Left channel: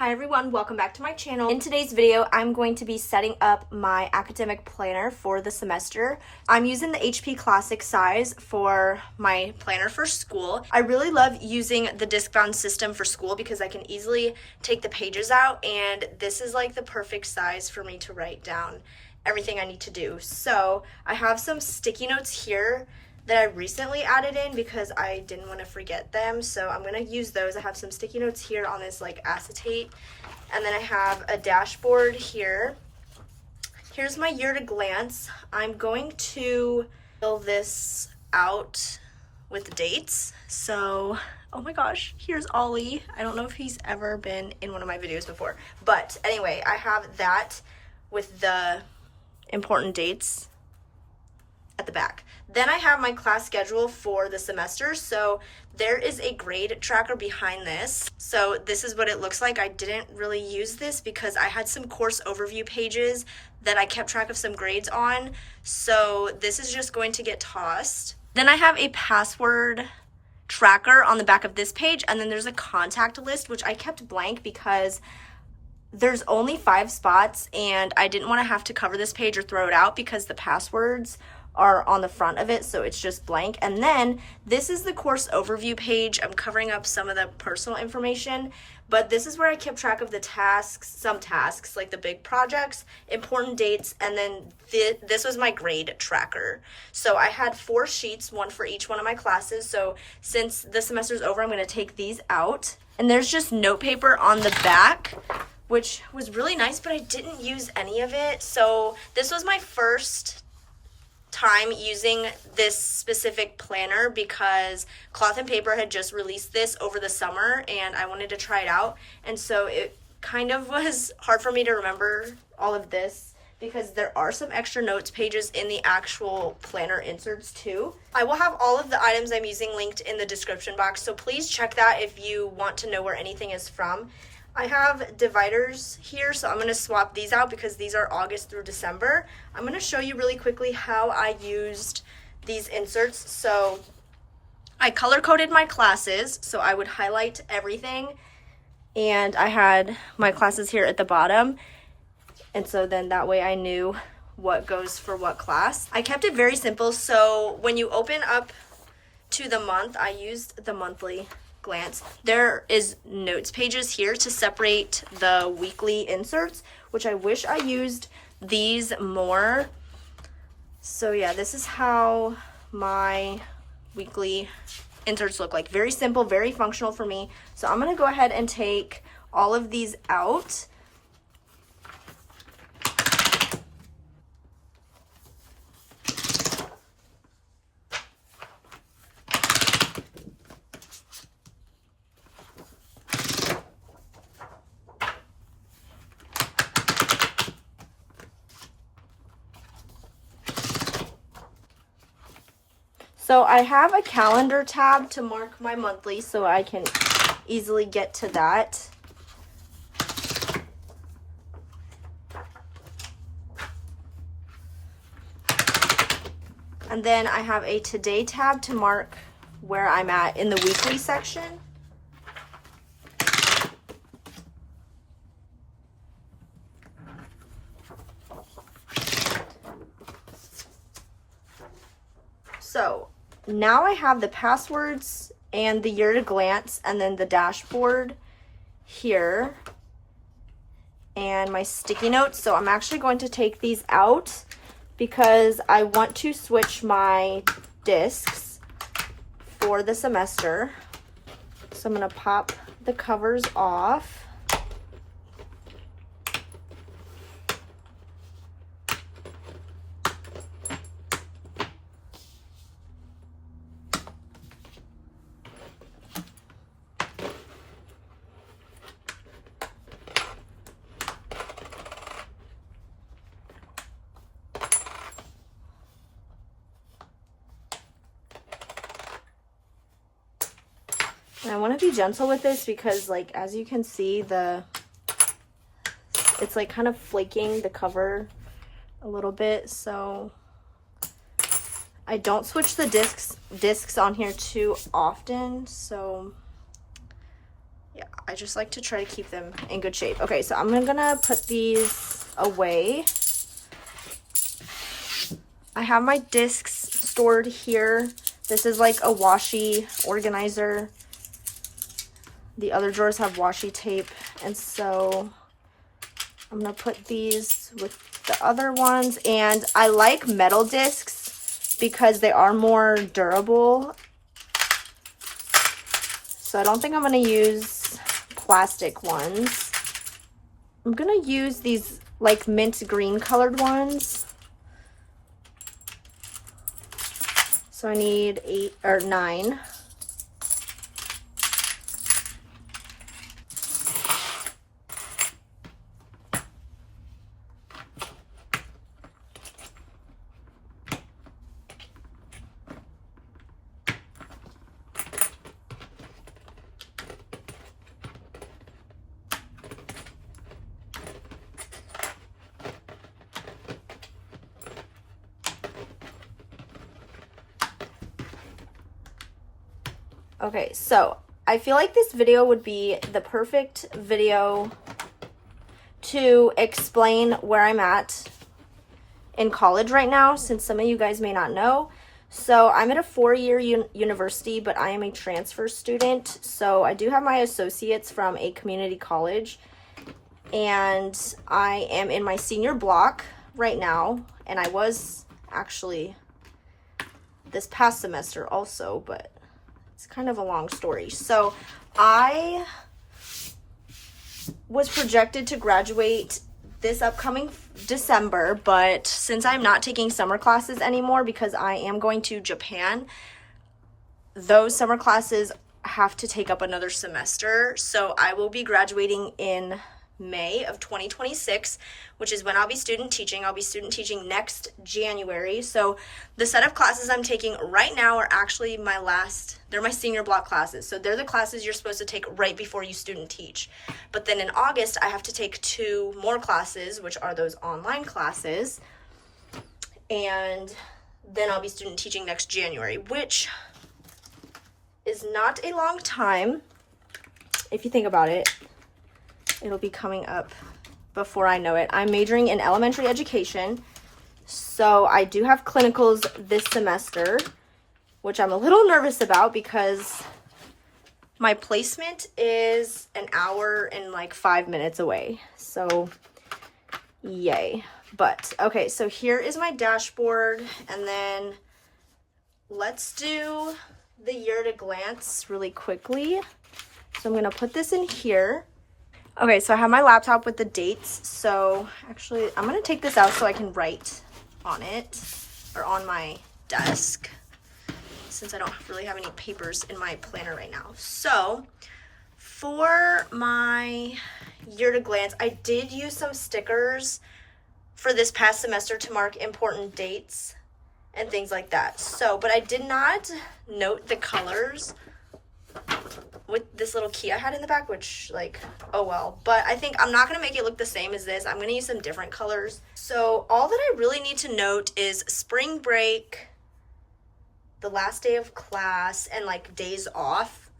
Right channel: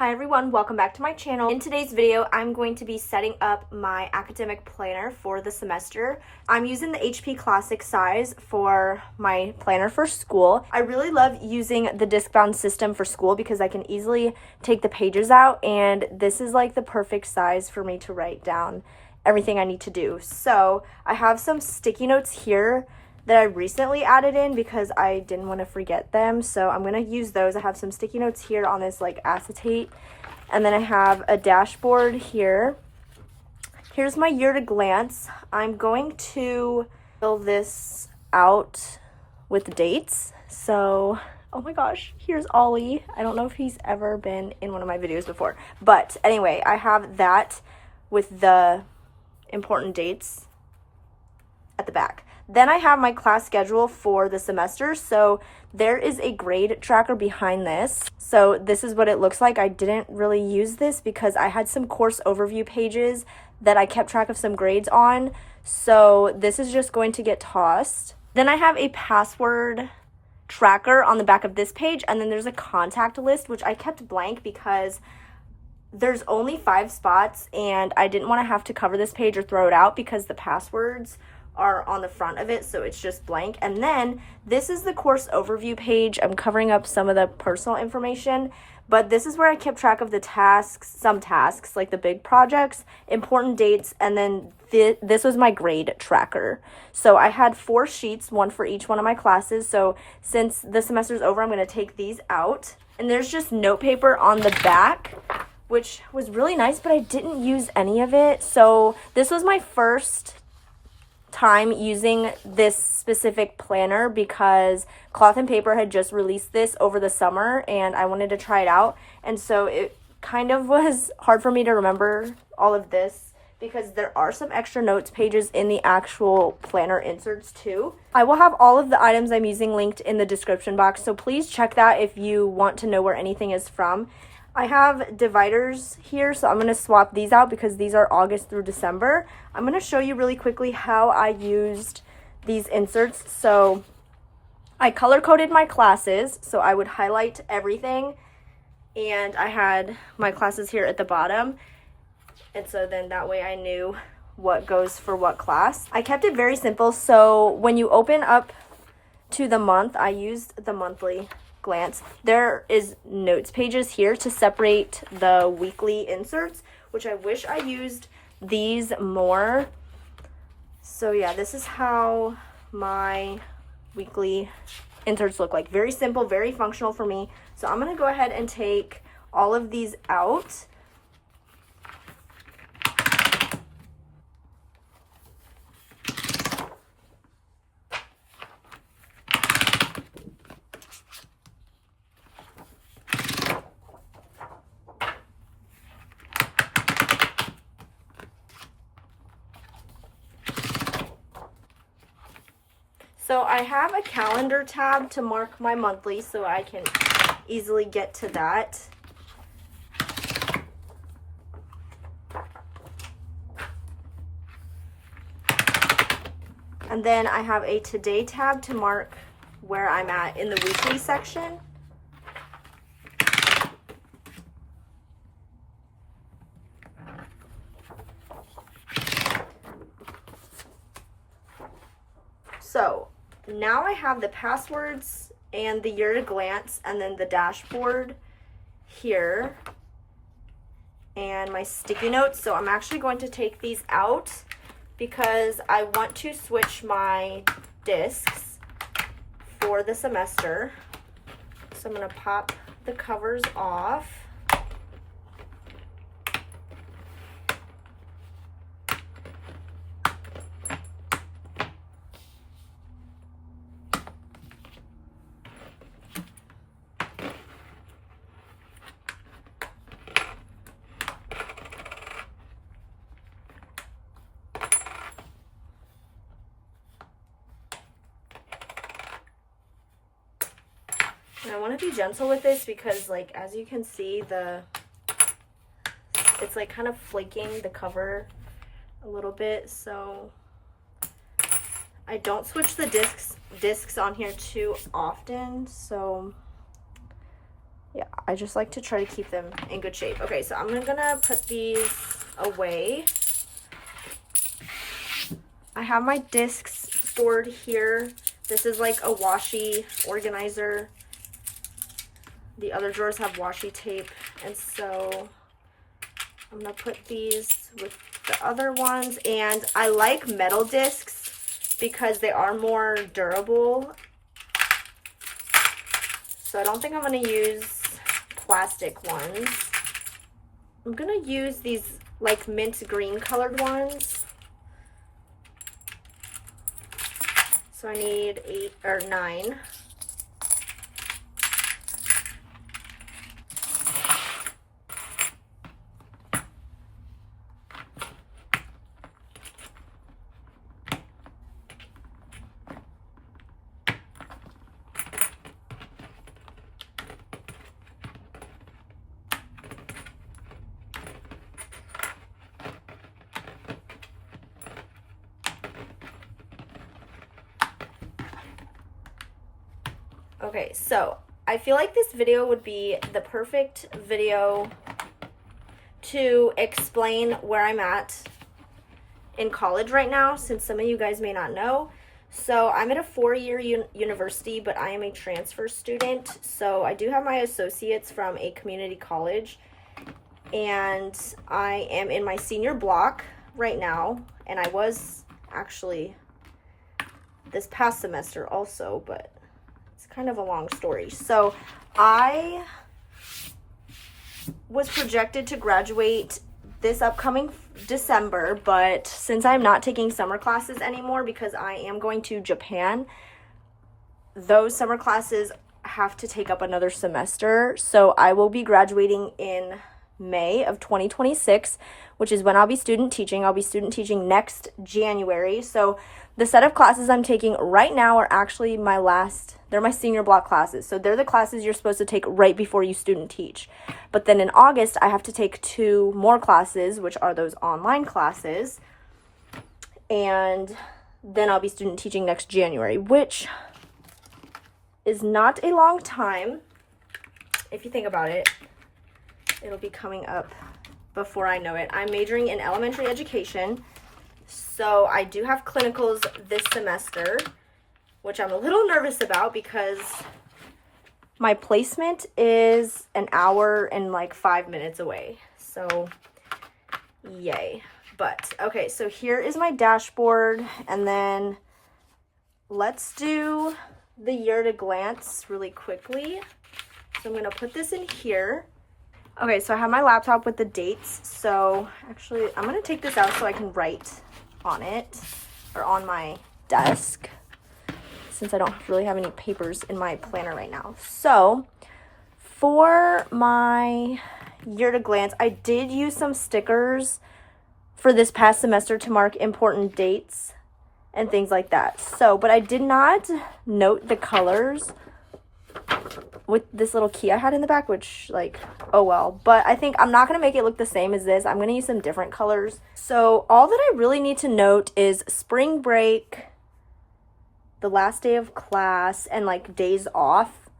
Hi everyone, welcome back to my channel. In today's video, I'm going to be setting up my academic planner for the semester. I'm using the HP Classic size for my planner for school. I really love using the Discbound system for school because I can easily take the pages out, and this is like the perfect size for me to write down everything I need to do. So I have some sticky notes here that I recently added in because I didn't want to forget them, so I'm going to use those. I have some sticky notes here on this like acetate, and then I have a dashboard here. Here's my year to glance. I'm going to fill this out with dates. So, oh my gosh, here's Ollie. I don't know if he's ever been in one of my videos before, but anyway, I have that with the important dates at the back. Then I have my class schedule for the semester. So there is a grade tracker behind this. So this is what it looks like. I didn't really use this because I had some course overview pages that I kept track of some grades on. So this is just going to get tossed. Then I have a password tracker on the back of this page. And then there's a contact list, which I kept blank because there's only 5 spots and I didn't want to have to cover this page or throw it out because the passwords are on the front of it, so it's just blank. And then this is the course overview page. I'm covering up some of the personal information, but this is where I kept track of the tasks, some tasks like the big projects, important dates, and then this was my grade tracker. So I had 4 sheets, one for each one of my classes. So since the semester's over, I'm going to take these out, and there's just note paper on the back, which was really nice, but I didn't use any of it. So this was my first time using this specific planner because Cloth and Paper had just released this over the summer and I wanted to try it out, and so it kind of was hard for me to remember all of this because there are some extra notes pages in the actual planner inserts too. I will have all of the items I'm using linked in the description box, so please check that if you want to know where anything is from. I have dividers here, so I'm going to swap these out because these are August through December. I'm going to show you really quickly how I used these inserts. So I color-coded my classes, so I would highlight everything, and I had my classes here at the bottom, and so then that way I knew what goes for what class. I kept it very simple, so when you open up to the month, I used the monthly glance. There is notes pages here to separate the weekly inserts, which I wish I used these more. So yeah, this is how my weekly inserts look like. Very simple, very functional for me. So I'm going to go ahead and take all of these out. So I have a calendar tab to mark my monthly so I can easily get to that. And then I have a today tab to mark where I'm at in the weekly section. So now I have the passwords and the year to glance and then the dashboard here and my sticky notes. So I'm actually going to take these out because I want to switch my discs for the semester. So I'm going to pop the covers off. And I want to be gentle with this because, like, as you can see, it's like kind of flaking the cover a little bit. So I don't switch the discs on here too often. So Yeah, I just like to try to keep them in good shape. Okay, so I'm gonna put these away. I have my discs stored here. This is like a washi organizer. The other drawers have washi tape, and so I'm gonna put these with the other ones. And I like metal discs because they are more durable. So I don't think I'm gonna use plastic ones. I'm gonna use these like mint green colored ones. So I need 8 or 9. Okay, so I feel like this video would be the perfect video to explain where I'm at in college right now, since some of you guys may not know. So I'm at a 4-year university, but I am a transfer student. So I do have my associates from a community college, and I am in my senior block right now. And I was actually this past semester also, but it's kind of a long story. So I was projected to graduate this upcoming December, but since I'm not taking summer classes anymore because I am going to Japan, those summer classes have to take up another semester. So I will be graduating in May of 2026, which is when I'll be student teaching. I'll be student teaching next January. So the set of classes I'm taking right now are actually they're my senior block classes. So they're the classes you're supposed to take right before you student teach. But then in August, I have to take 2 more classes, which are those online classes. And then I'll be student teaching next January, which is not a long time. If you think about it, it'll be coming up before I know it. I'm majoring in elementary education, so I do have clinicals this semester, which I'm a little nervous about because my placement is an hour and like 5 minutes away. So yay. But okay, so here is my dashboard, and then let's do the year at a glance really quickly. So I'm gonna put this in here. Okay, so I have my laptop with the dates. So actually, I'm gonna take this out so I can write on it, or on my desk, since I don't really have any papers in my planner right now. So for my year at a glance, I did use some stickers for this past semester to mark important dates and things like that. So, but I did not note the colors with this little key I had in the back, which, like, oh well. But I think I'm not going to make it look the same as this. I'm going to use some different colors. So all that I really need to note is spring break, the last day of class, and like days off.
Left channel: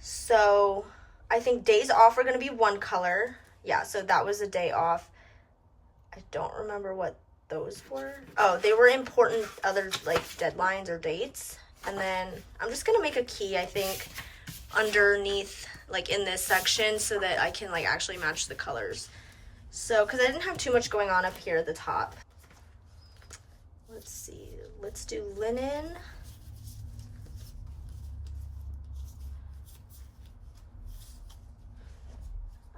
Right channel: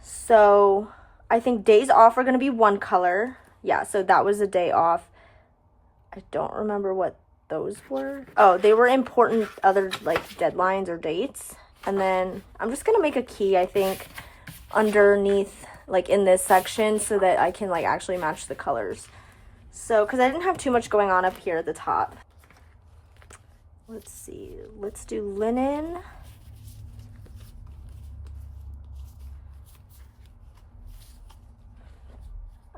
So I think days off are going to be one color. Yeah, so that was a day off. I don't remember what those were. Oh, they were important other like deadlines or dates. And then I'm just going to make a key, I think, underneath, like in this section, so that I can like actually match the colors. So, because I didn't have too much going on up here at the top. Let's see. Let's do linen.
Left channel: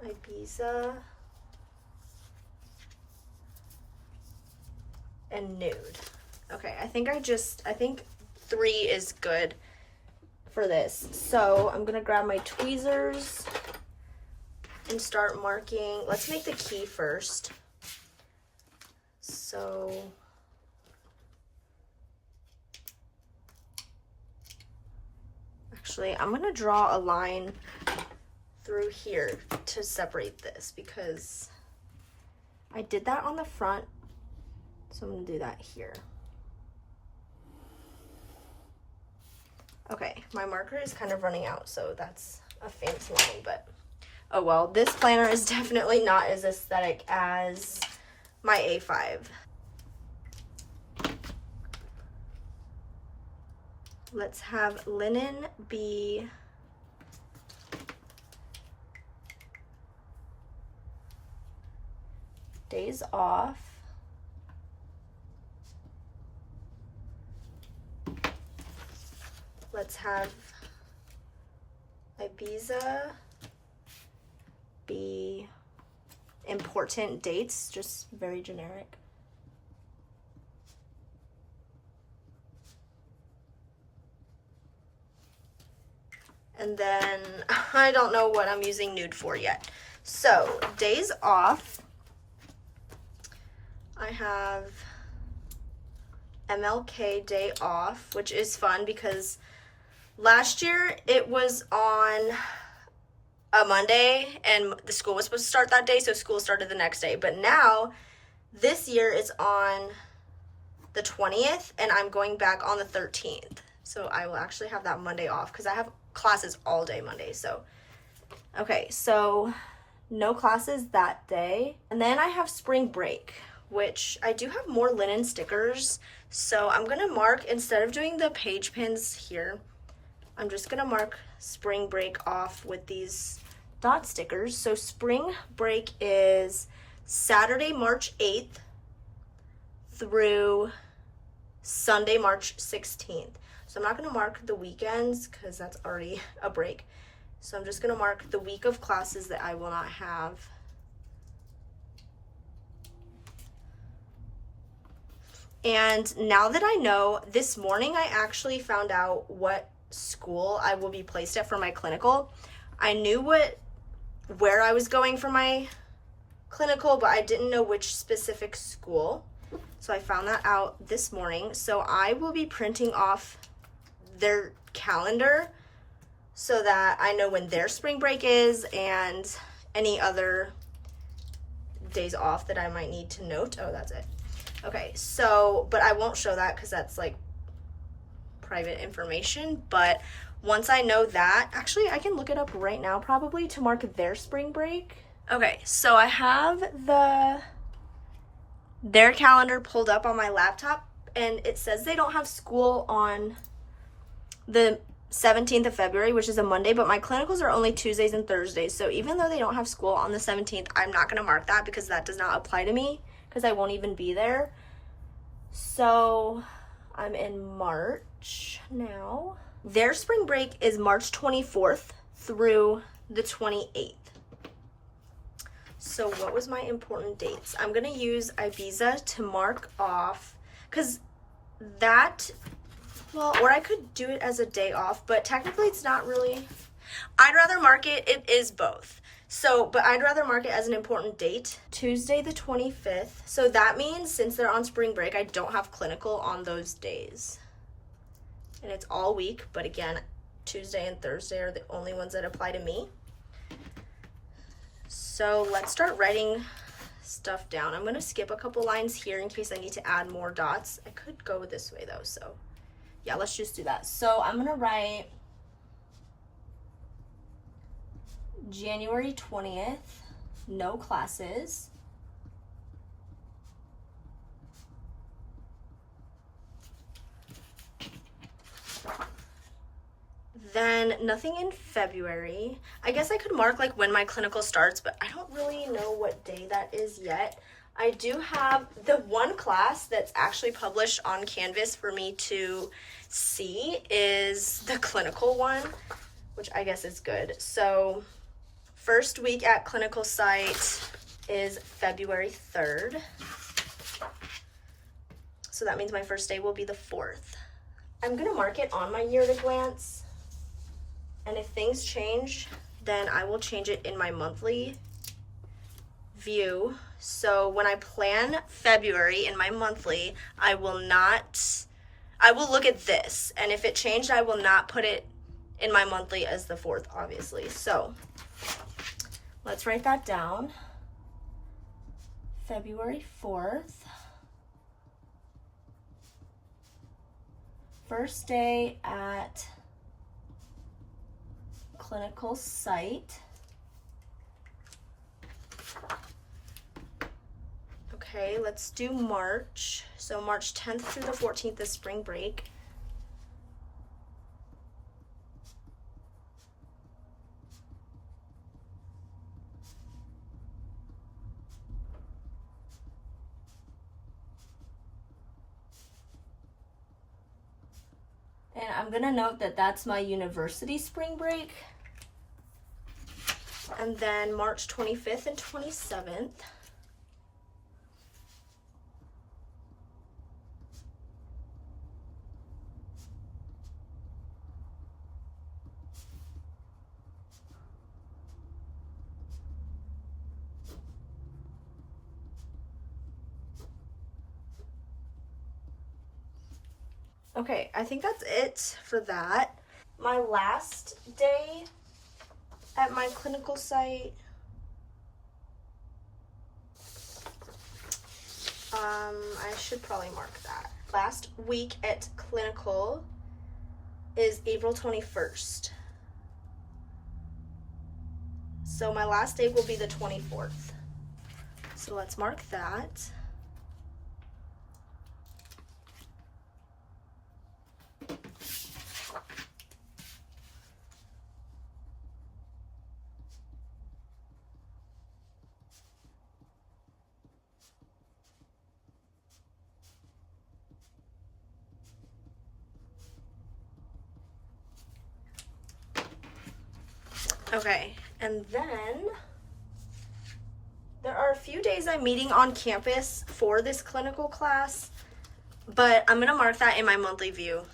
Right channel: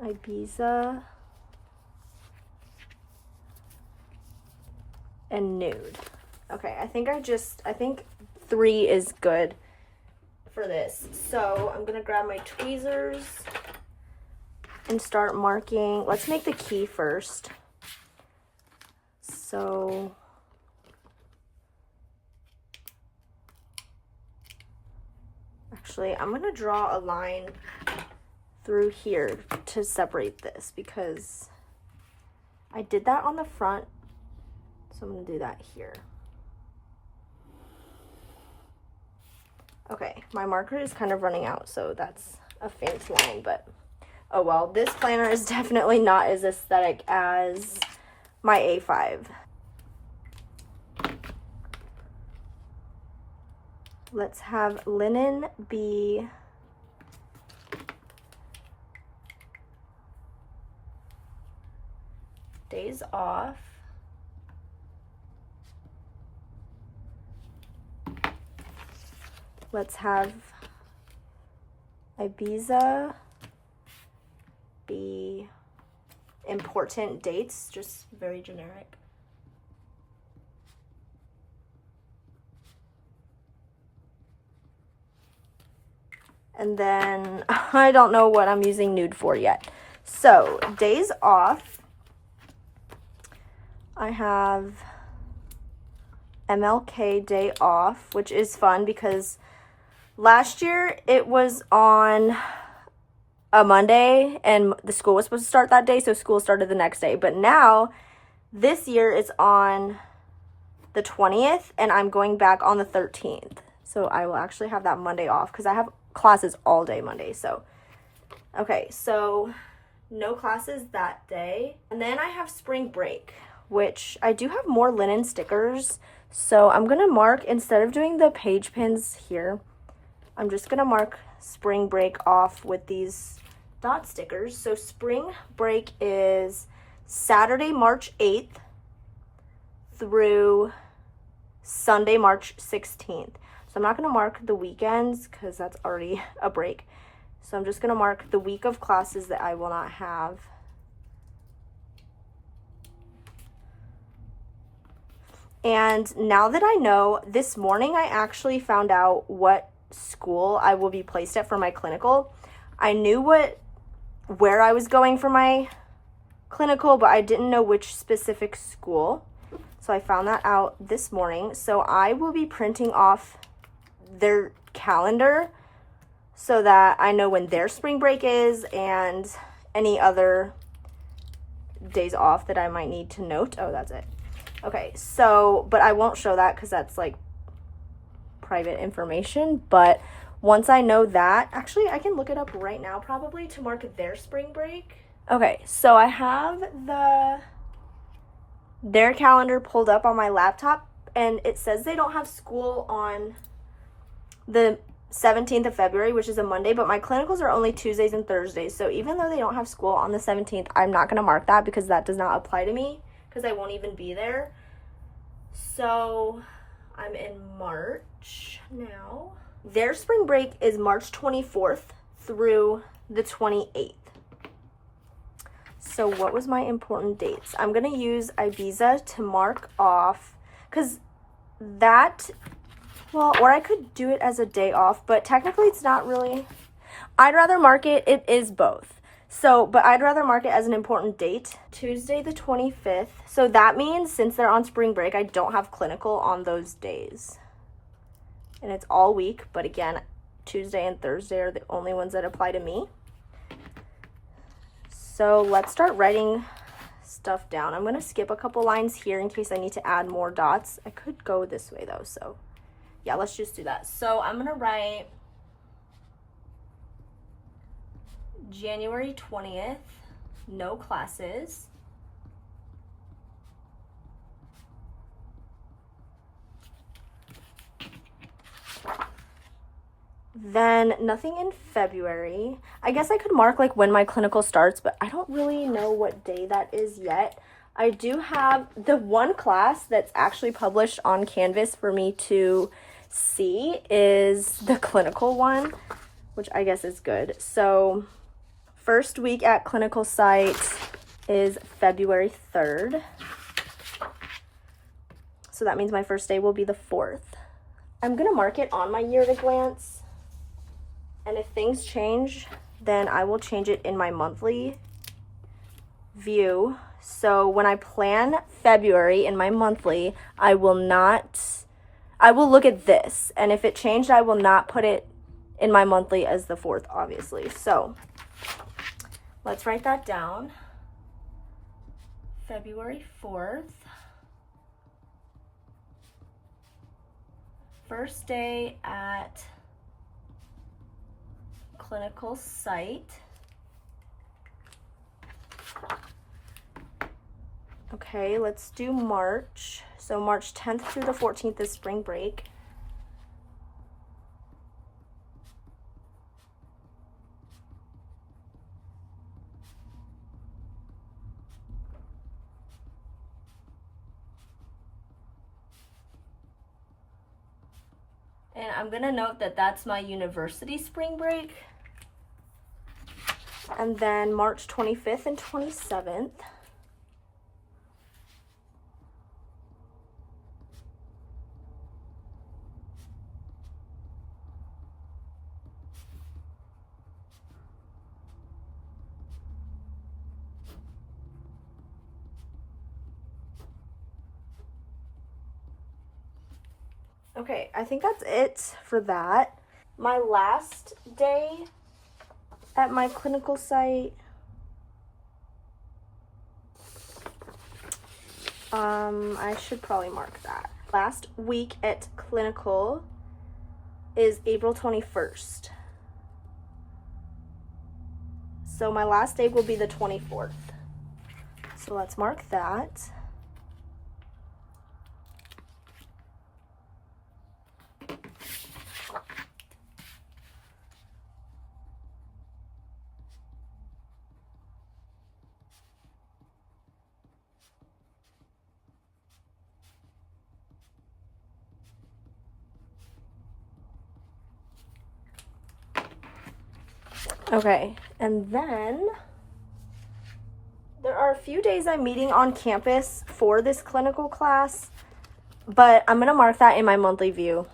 Ibiza. And nude. Okay, I think 3 is good for this. So I'm gonna grab my tweezers and start marking. Let's make the key first. So actually, I'm gonna draw a line through here to separate this because I did that on the front. So I'm gonna do that here. Okay, my marker is kind of running out, so that's a fancy line, but oh well. This planner is definitely not as aesthetic as my A5. Let's have linen be days off. Let's have Ibiza be important dates, just very generic. And then I don't know what I'm using nude for yet. So days off, I have MLK Day off, which is fun because last year it was on a Monday and the school was supposed to start that day, so school started the next day. But now, this year it's on the 20th and I'm going back on the 13th. So I will actually have that Monday off because I have classes all day Monday. So, okay, so no classes that day. And then I have spring break, which I do have more linen stickers. So I'm going to mark, instead of doing the page pins here, I'm just going to mark spring break off with these dot stickers. So spring break is Saturday, March 8th through Sunday, March 16th. So I'm not going to mark the weekends because that's already a break. So I'm just going to mark the week of classes that I will not have. And now that I know, this morning I actually found out what school I will be placed at for my clinical. I knew where I was going for my clinical, but I didn't know which specific school. So I found that out this morning. So I will be printing off their calendar so that I know when their spring break is and any other days off that I might need to note. Oh, that's it. Okay, so, but I won't show that because that's like private information. But once I know that, actually I can look it up right now probably to mark their spring break. Okay, so I have their calendar pulled up on my laptop and it says they don't have school on the 17th of February, which is a Monday, but my clinicals are only Tuesdays and Thursdays. So even though they don't have school on the 17th, I'm not going to mark that because that does not apply to me because I won't even be there. So I'm in March now. Their spring break is March 24th through the 28th. So what was my important dates? I'm going to use Ibiza to mark off because that, well, or I could do it as a day off, but technically it's not really. I'd rather mark it is both. So, but I'd rather mark it as an important date, Tuesday the 25th. So that means since they're on spring break, I don't have clinical on those days. And it's all week, but again, Tuesday and Thursday are the only ones that apply to me. So let's start writing stuff down. I'm going to skip a couple lines here in case I need to add more dots. I could go this way though, so yeah, let's just do that. So I'm going to write January 20th, no classes. Then nothing in February. I guess I could mark like when my clinical starts, but I don't really know what day that is yet. I do have the one class that's actually published on Canvas for me to see is the clinical one, which I guess is good. So first week at clinical site is February 3rd. So that means my first day will be the 4th. I'm gonna mark it on my year at a glance. And if things change, then I will change it in my monthly view. So when I plan February in my monthly, I will look at this. And if it changed, I will not put it in my monthly as the 4th, obviously. So let's write that down. February 4th. First day at clinical site. Okay, let's do March. So March 10th through the 14th is spring break. And I'm gonna note that that's my university spring break. And then March 25th and 27th. Okay, I think that's it for that. My last day at my clinical site, I should probably mark that. Last week at clinical is April 21st. So my last day will be the 24th. So let's mark that. Okay, and then there are a few days I'm meeting on campus for this clinical class, but I'm gonna mark that in my monthly view.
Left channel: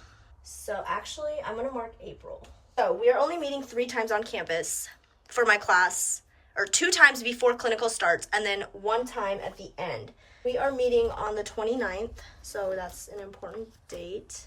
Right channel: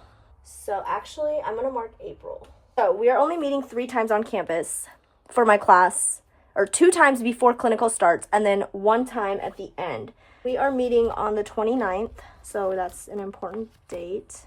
So actually, I'm gonna mark April. So we are only meeting 3 times on campus for my class, or 2 times before clinical starts, and then 1 time at the end. We are meeting on the 29th, so that's an important date.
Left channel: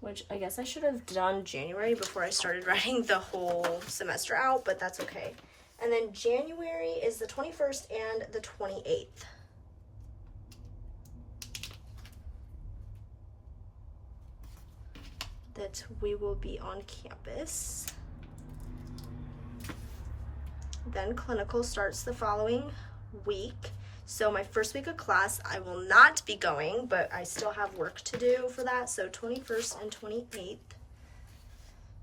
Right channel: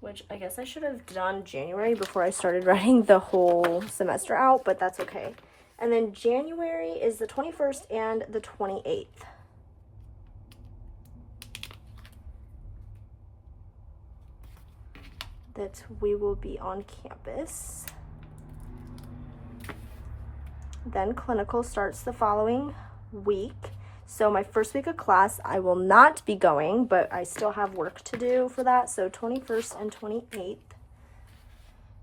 Which I guess I should have done January before I started writing the whole semester out, but that's okay. And then January is the 21st and the 28th. That we will be on campus. Then clinical starts the following week. So my first week of class, I will not be going, but I still have work to do for that. So 21st and 28th.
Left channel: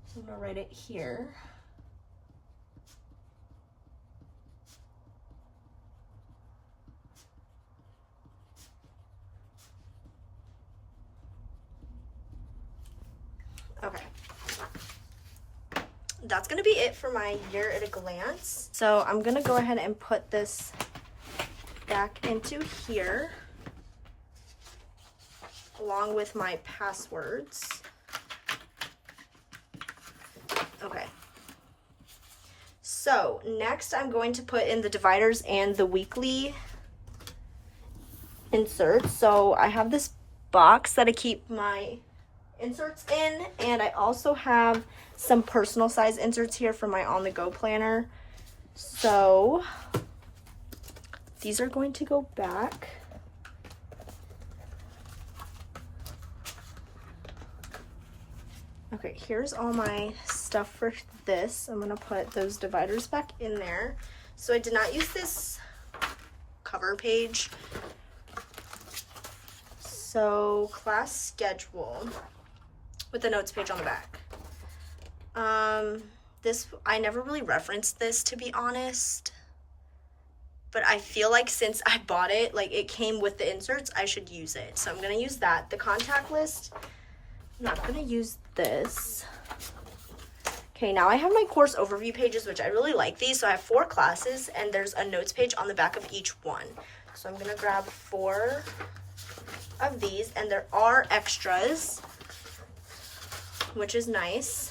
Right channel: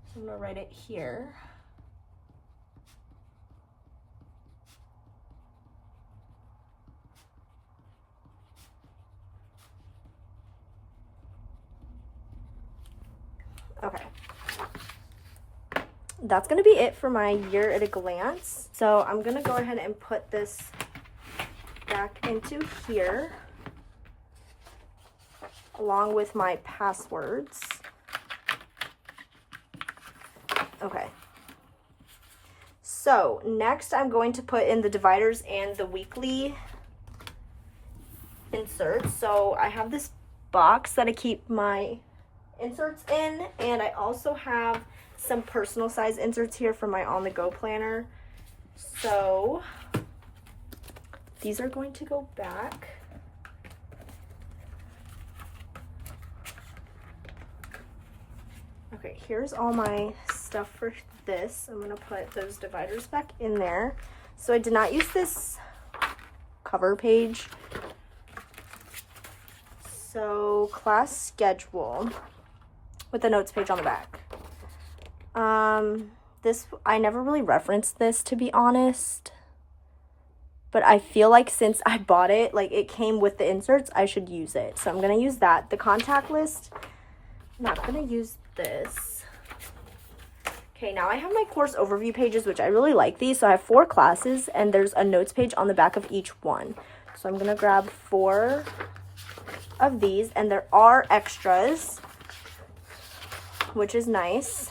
So I'm gonna write it here. Okay. That's gonna be it for my year at a glance. So I'm gonna go ahead and put this back into here along with my passwords. Okay. So next I'm going to put in the dividers and the weekly inserts. So I have this box that I keep my inserts in, and I also have some personal size inserts here for my on-the-go planner. So these are going to go back. Okay, here's all my stuff for this. I'm gonna put those dividers back in there. So I did not use this cover page. So class schedule with the notes page on the back. This, I never really referenced this, to be honest. But I feel like since I bought it, like it came with the inserts, I should use it. So I'm gonna use that. The contact list, I'm not gonna use this. Okay, now I have my course overview pages, which I really like these. So I have 4 classes, and there's a notes page on the back of each one. So I'm gonna grab 4 of these, and there are extras, which is nice,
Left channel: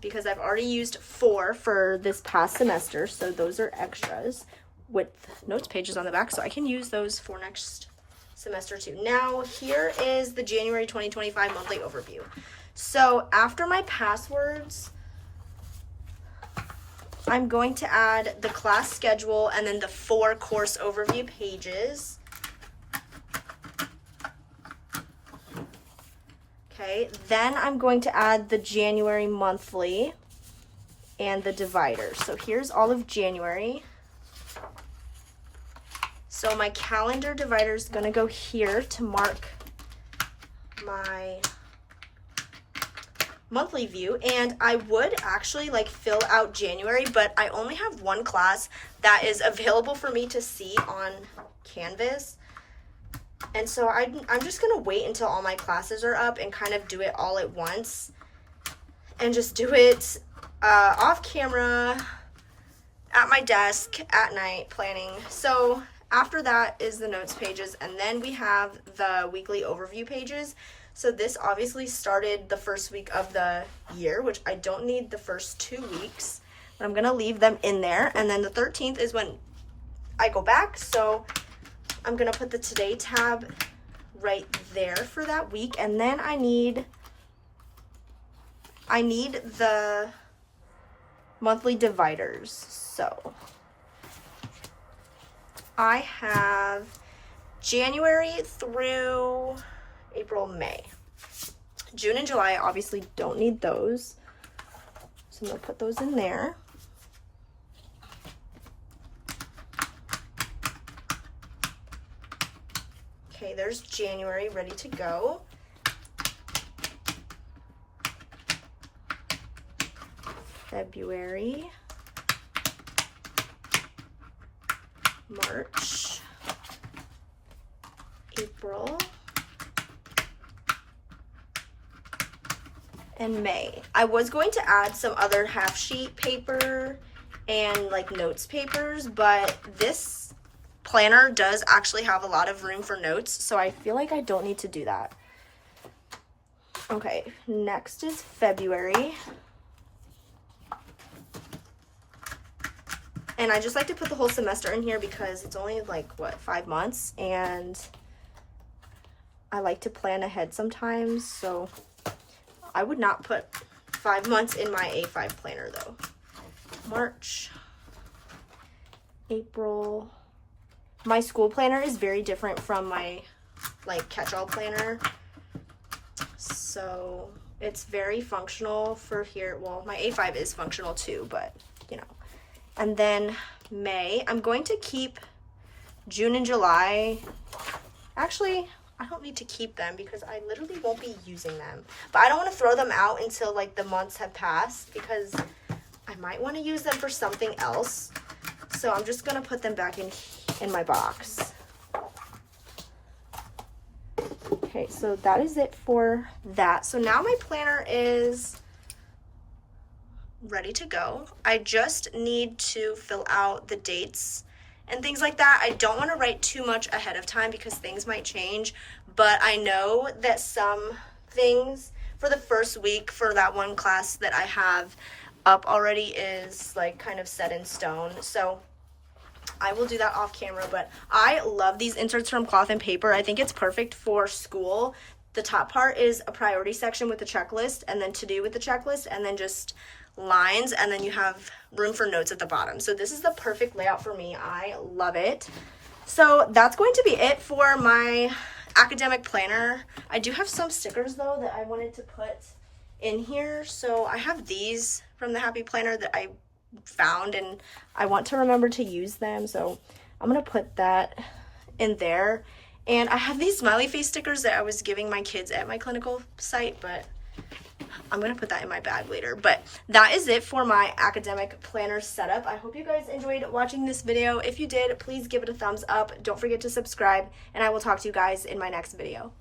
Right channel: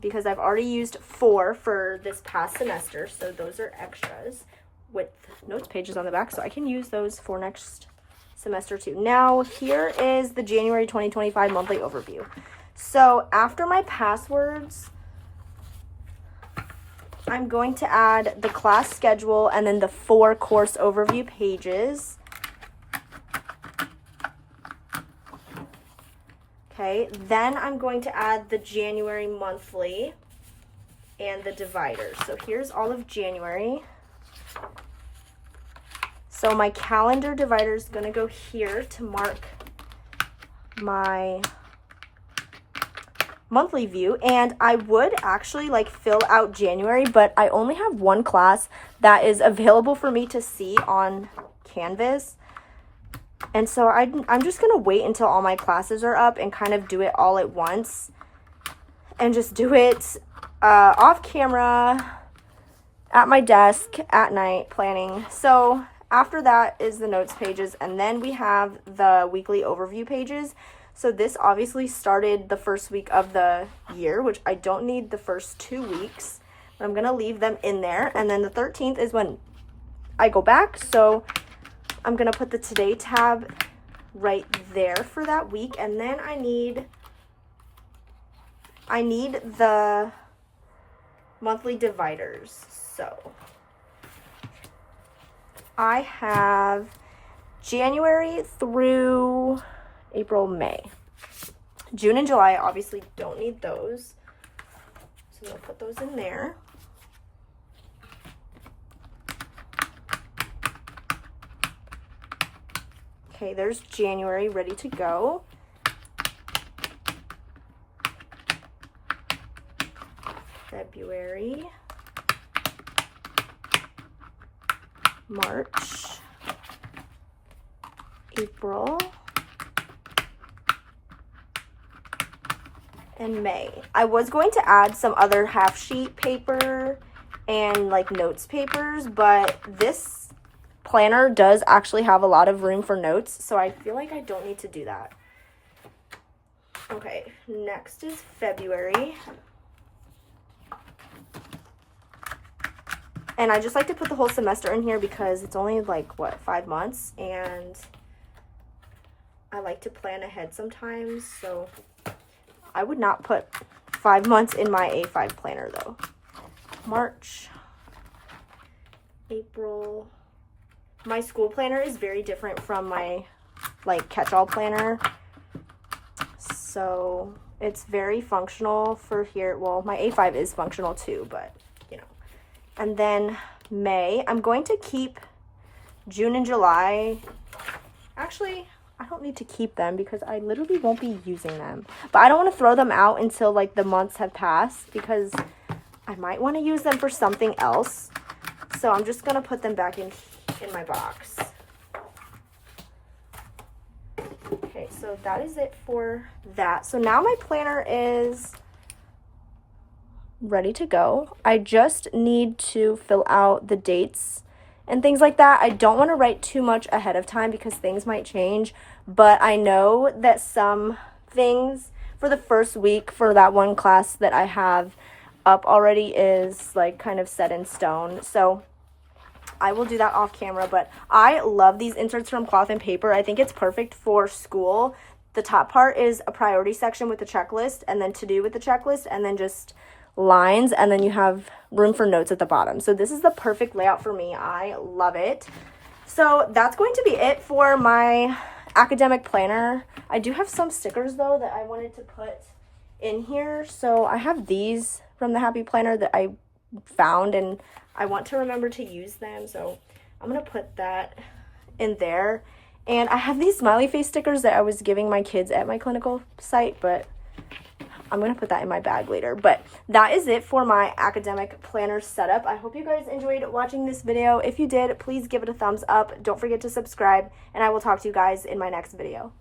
because I've already used 4 for this past semester, so those are extras with notes pages on the back, so I can use those for next semester too. Now, here is the January 2025 monthly overview. So after my passwords, I'm going to add the class schedule and then the 4 course overview pages. Okay, then I'm going to add the January monthly and the dividers. So here's all of January. So my calendar divider is going to go here to mark my monthly view, and I would actually like fill out January, but I only have one class that is available for me to see on Canvas, and so I'm just gonna wait until all my classes are up and kind of do it all at once and just do it off camera at my desk at night planning. So after that is the notes pages, and then we have the weekly overview pages. So this obviously started the first week of the year, which I don't need the first 2 weeks, but I'm going to leave them in there. And then the 13th is when I go back. So I'm going to put the Today tab right there for that week. And then I need the monthly dividers. So I have January through April, May. June and July obviously don't need those, so I'm going to put those in there. Okay, there's January ready to go. February, March, April, and May. I was going to add some other half sheet paper and like notes papers, but this planner does actually have a lot of room for notes, so I feel like I don't need to do that. Okay, next is February. And I just like to put the whole semester in here because it's only like, what, 5 months? And I like to plan ahead sometimes, so I would not put 5 months in my A5 planner though. March, April. My school planner is very different from my like catch-all planner. So it's very functional for here. Well, my A5 is functional too, but you know. And then May, I'm going to keep June and July. Actually, I don't need to keep them because I literally won't be using them. But I don't want to throw them out until like the months have passed because I might want to use them for something else. So I'm just going to put them back in my box. Okay, so that is it for that. So now my planner is ready to go. I just need to fill out the dates and things like that. I don't want to write too much ahead of time because things might change, but I know that some things for the first week for that one class that I have up already is like kind of set in stone. So I will do that off camera, but I love these inserts from Cloth and Paper. I think it's perfect for school. The top part is a priority section with the checklist and then to do with the checklist and then just lines, and then you have room for notes at the bottom. So this is the perfect layout for me. I love it. So that's going to be it for my academic planner. I do have some stickers though that I wanted to put in here. So I have these from the Happy Planner that I found and I want to remember to use them. So I'm going to put that in there. And I have these smiley face stickers that I was giving my kids at my clinical site, but I'm going to put that in my bag later. But that is it for my academic planner setup. I hope you guys enjoyed watching this video. If you did, please give it a thumbs up. Don't forget to subscribe, and I will talk to you guys in my next video.